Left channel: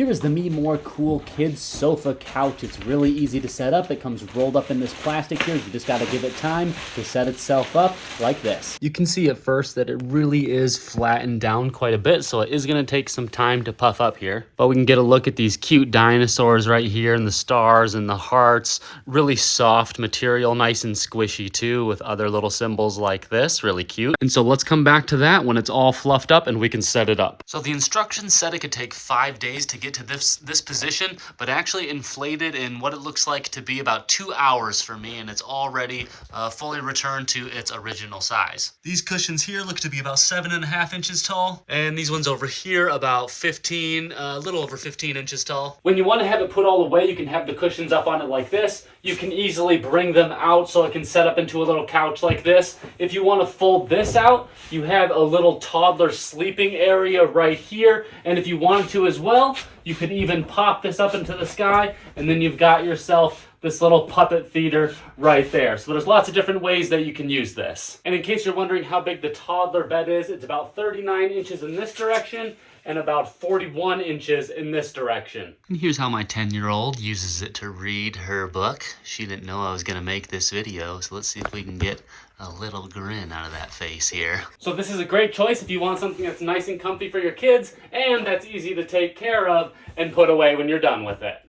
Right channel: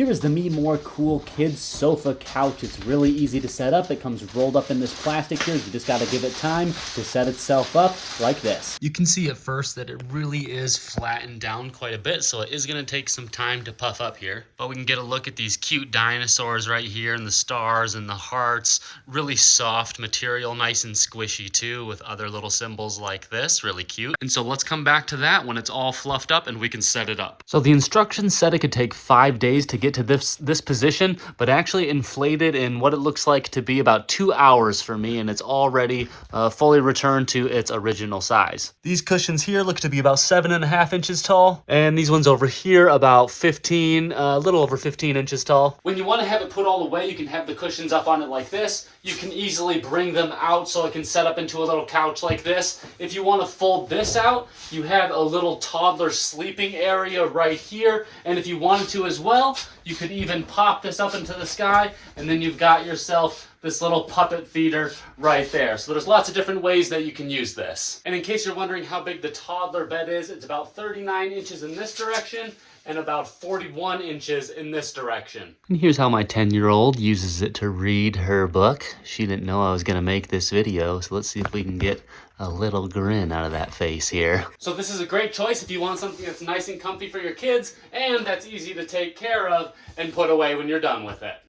Here is the MeMoreCool Kids Sofa Couch. It's really easy to set up. It comes rolled up in this plastic here. You just got to give it time to set itself up like this. You can see at first that it really is flattened down quite a bit, so it is going to take some time to puff up here. But we can get a look at these cute dinosaurs right here and the stars and the hearts. Really soft material, nice and squishy too, with other little symbols like this. Really cute. And so let's come back to that when it's all fluffed up and we can set it up. So the instructions said it could take 5 days to get to this position, but actually inflated in what it looks like to be about 2 hours for me, and it's already fully returned to its original size. These cushions here look to be about 7.5 inches tall, and these ones over here about 15, a little over 15 inches tall. When you want to have it put all away, you can have the cushions up on it like this. You can easily bring them out so it can set up into a little couch like this. If you want to fold this out, you have a little toddler sleeping area right here, and if you wanted to as well, you could even pop this up into the sky, and then you've got yourself this little puppet feeder right there. So there's lots of different ways that you can use this. And in case you're wondering how big the toddler bed is, it's about 39 inches in this direction and about 41 inches in this direction. And here's how my 10-year-old uses it to read her book. She didn't know I was gonna make this video, so let's see if we can get a little grin out of that face here. So this is a great choice if you want something that's nice and comfy for your kids and that's easy to take care of and put away when you're done with it.